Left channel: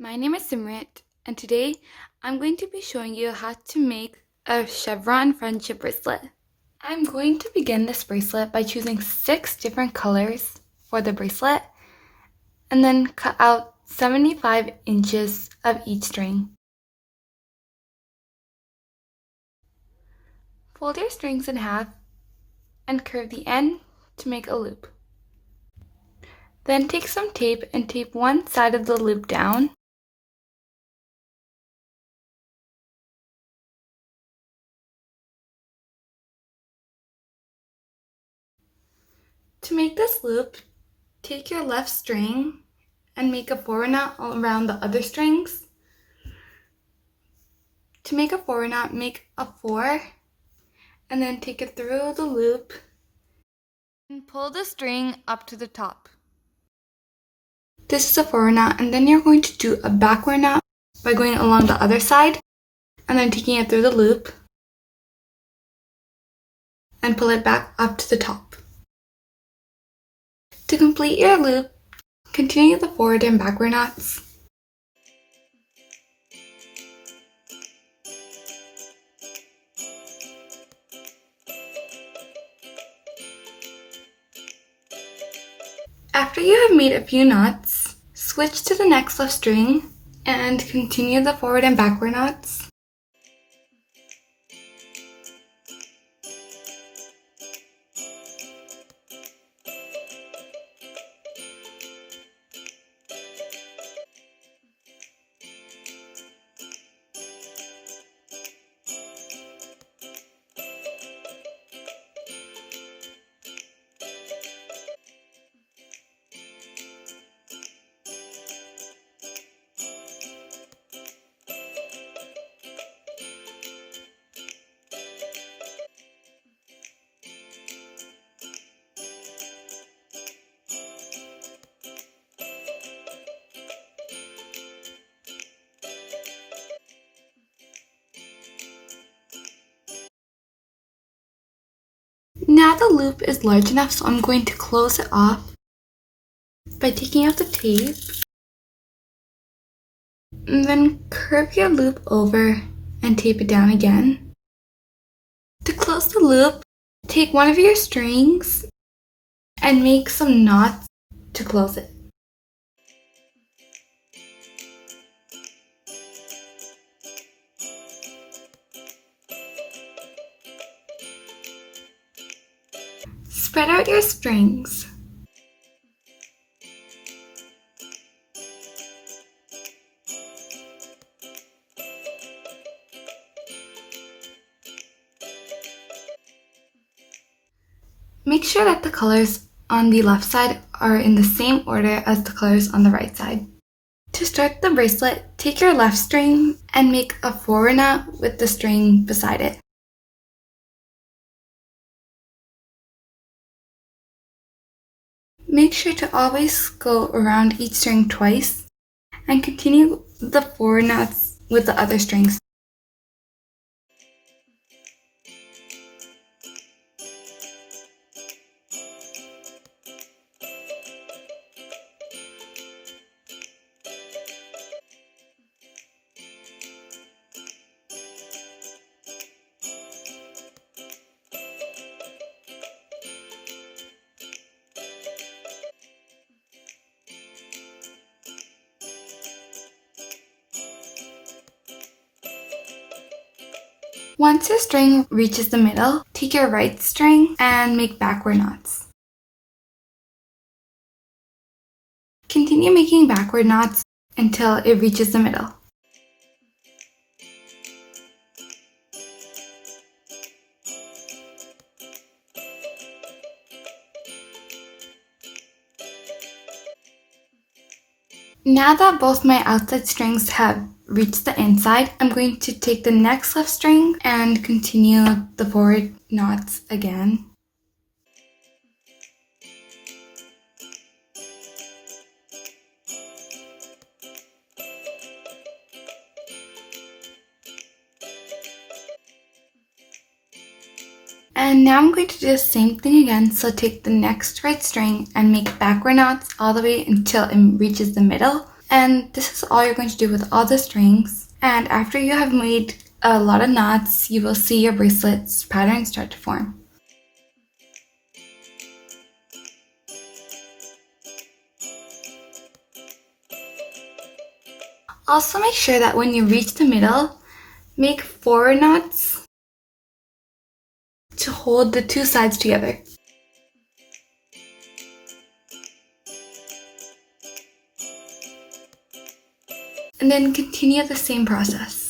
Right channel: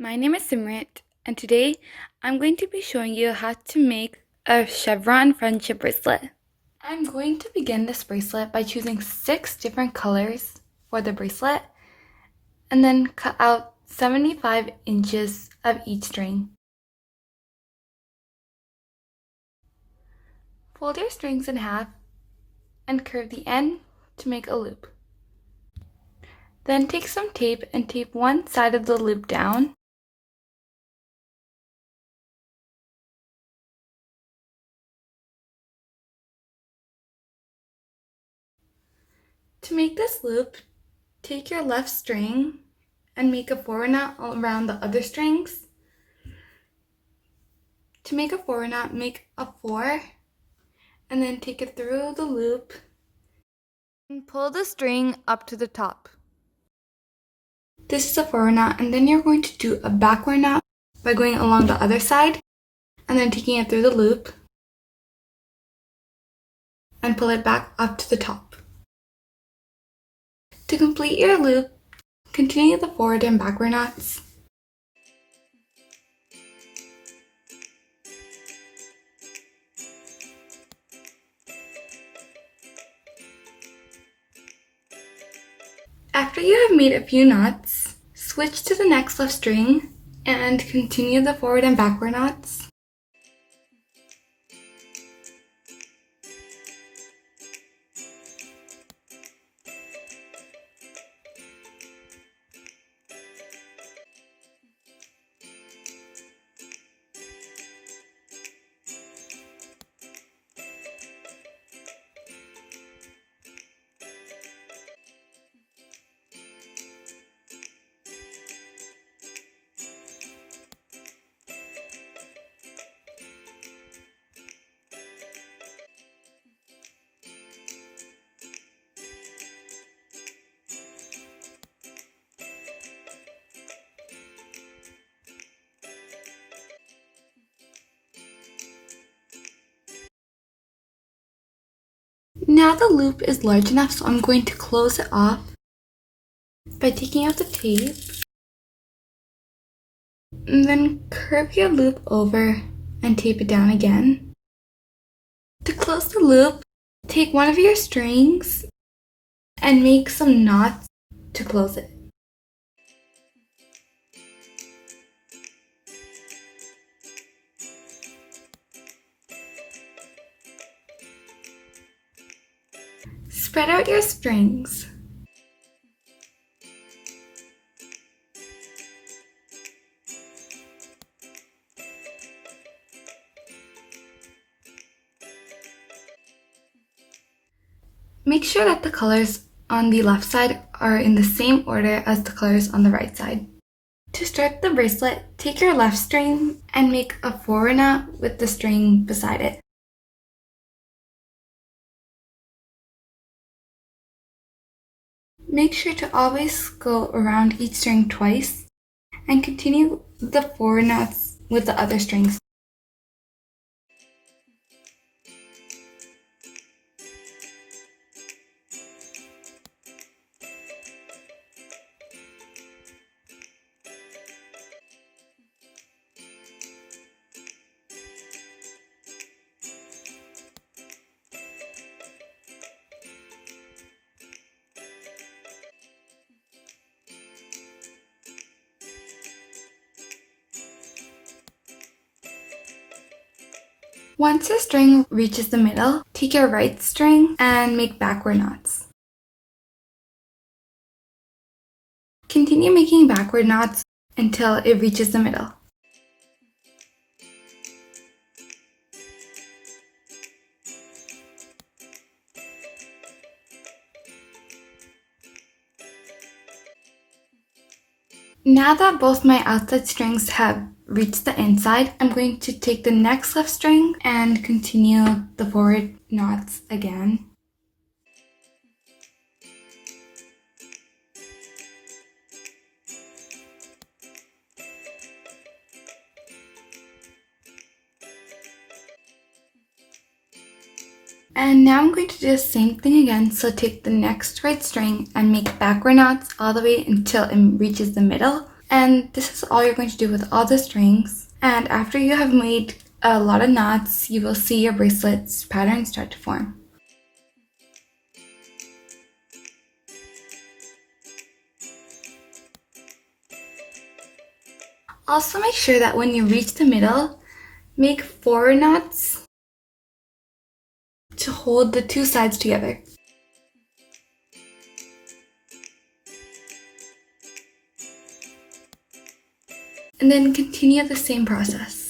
My name is Simrit, and today I'm going to be showing you how to make a Chevron friendship bracelet. I'm going to begin this bracelet by choosing 6 different colors for the bracelet and then cut out 75 inches of each string. Fold your strings in half and curve the end to make a loop. Then take some tape and tape one side of the loop down. To make this loop, take your left string and make a forward knot around the other strings. To make a forward knot, make a 4 and then take it through the loop and pull the string up to the top. This is a forward knot, and then you're going to do a backward knot by going along the other side and then taking it through the loop and pull it back up to the top. To complete your loop, continue the forward and backward knots. After you have made a few knots, switch to the next left string and continue the forward and backward knots. Now the loop is large enough, so I'm going to close it off by taking out the tape and then curve your loop over and tape it down again. To close the loop, take one of your strings and make some knots to close it. Spread out your strings. Make sure that the colors on the left side are in the same order as the colors on the right side. To start the bracelet, take your left string and make a forward knot with the string beside it. Make sure to always go around each string twice and continue the forward knots with the other strings. Once your string reaches the middle, take your right string and make backward knots. Continue making backward knots until it reaches the middle. Now that both my outside strings have reached the inside, I'm going to take the next left string and continue the forward knots again. And now I'm going to do the same thing again, so take the next right string and make backward knots all the way until it reaches the middle, And this is all you're going to do with all the strings. And after you have made a lot of knots, you will see your bracelet's pattern start to form. Also make sure that when you reach the middle, make 4 knots to hold the 2 sides together. And then continue the same process.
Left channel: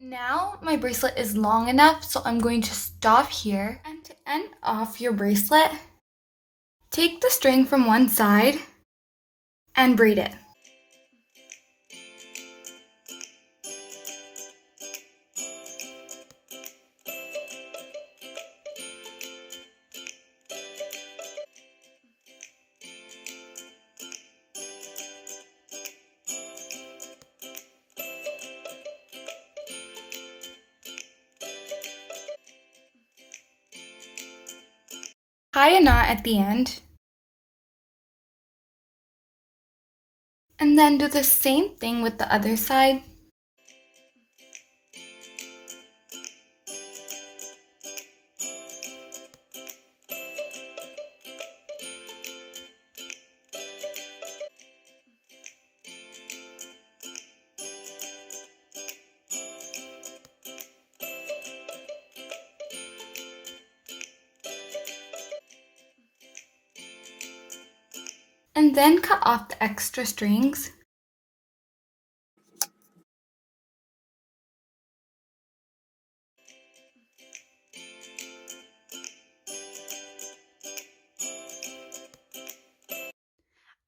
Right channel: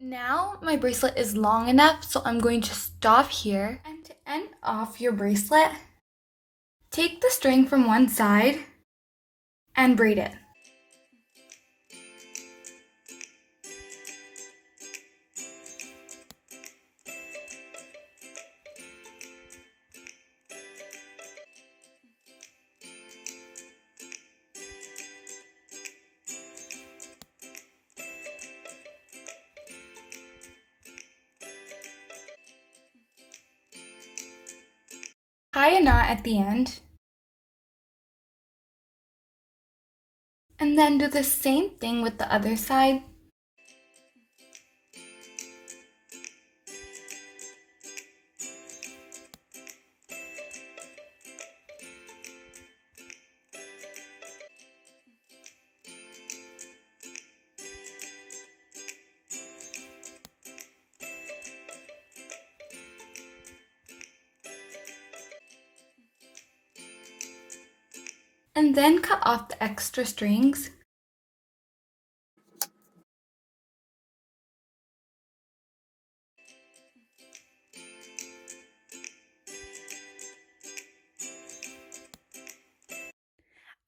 Now my bracelet is long enough, so I'm going to stop here. And to end off your bracelet, take the string from one side and braid it. Tie a knot at the end, and then do the same thing with the other side. And then cut off the extra strings.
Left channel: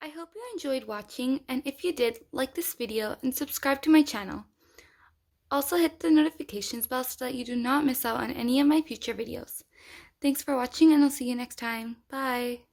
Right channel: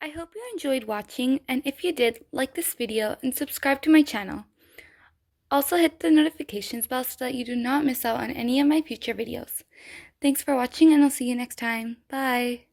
I hope you enjoyed watching, and if you did, like this video and subscribe to my channel. Also hit the notifications bell so that you do not miss out on any of my future videos. Thanks for watching, and I'll see you next time. Bye!